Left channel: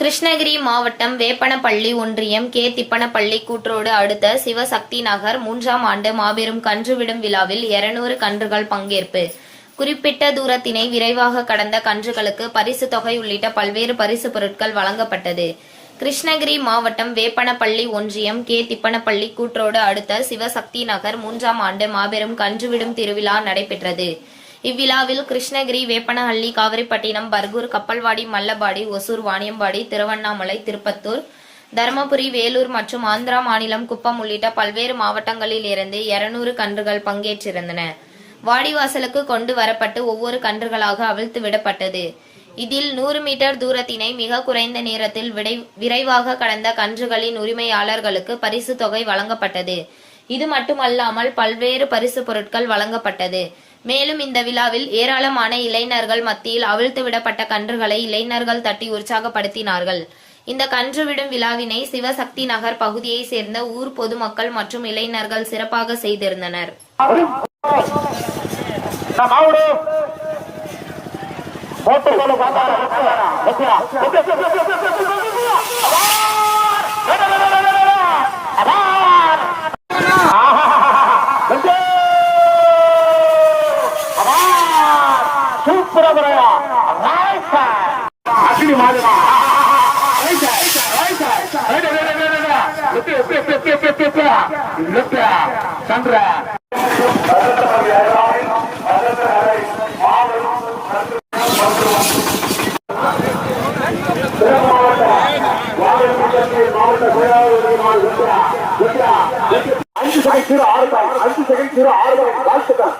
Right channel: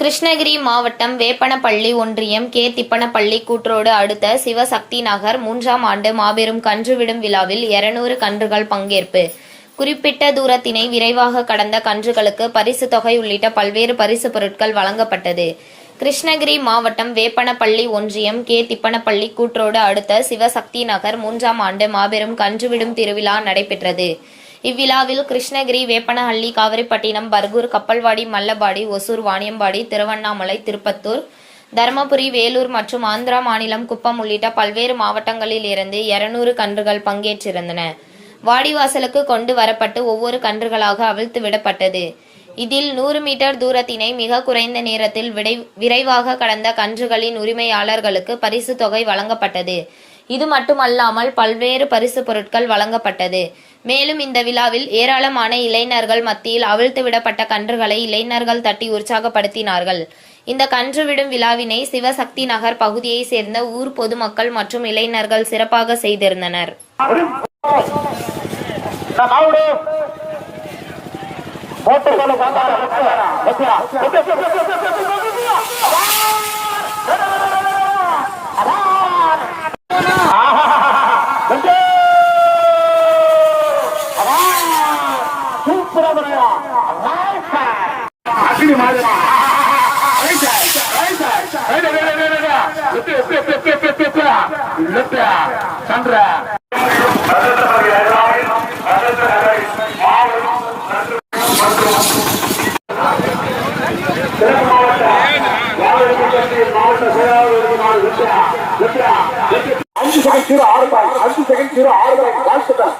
கிருஷ்ணகிரி மாவட்டம் வேப்பனப்பள்ளி ஒன்றியம் கே. திப்பனப்பள்ளி கூற்றோடு அடுத்த சிவசக்தி நகர் மூன்றாம் ஆண்டு மாபெரும் கன்றுவிடும் விழாவில் 200 கன்றுகள் பங்கேற்பு. குறிப்பிட்ட தூரத்தினை விரைவாக கடந்த கன்றுகளுக்கு பரிசு தொகை உள்ளிட்ட பல்வேறு பரிசு பொருட்கள் வழங்கப்பட்டது. கிருஷ்ணகிரி மாவட்டம் வேப்பனப்பள்ளி ஒன்றியம் கே. திப்பனப்பள்ளி கூற்றோடு அடுத்த சிவசக்தி நகர் மூன்றாம் ஆண்டு மாபெரும் கன்றுவிடும் திருவிழா நடைபெற்றது. இவ்விழாவில் கிருஷ்ணகிரி வேப்பனஹள்ளி காவிரிப்பட்டினம் பர்கூர் கப்பல்வாடி மல்லபாடி ஒசூர் வாணியம்பாடி திருவண்ணாமலை திருப்பத்தூர் தருமபுரி வேலூர் மற்றும் ஆந்திரா மாநிலம் குப்பம் உள்ளிட்ட பல்வேறு மாவட்டங்களில் இருந்து 200 கன்றுகள் பங்கேற்றிருந்தன. வாடிவாசலுக்கு கொண்டு வரப்பட்டு ஒவ்வொரு கன்றுகளாக அவிழ்த்து விடப்பட்டது. இதில் நூறு மீட்டர் தூரத்தினை மிக குறைந்த நேரத்தில் விடை- விரைவாக கடந்த கன்றுகளின் உரிமையாளர்களுக்கு பரிசு தொகை வழங்கப்பட்டது. இது மட்டுமல்லாமல் பல்வேறு பரிசு பொருட்கள் வழங்கப்பட்டது. மேலும் இந்த விழாவில் ஏராளமான இளைஞர்கள் மத்தியில் அவிழ்த்து விடப்பட்ட கன்றுகளை இளைஞர்கள் தட்டி உற்சாகப்படுத்தினார்கள். இந்த கன்று விடும் விழாவினை சிவசக்தி நகர் பகுதியை சேர்ந்த ஊர் பொதுமக்கள் மற்றும் இளைஞர்கள் சிறப்பாக செய்திருந்தனர். போட்டு சந்திர அஞ்சு செகண்ட் ஜீரோ ஆறு அஞ்சு செகண்ட் ஜீரோ ஆறு வாழ்த்துக்கள்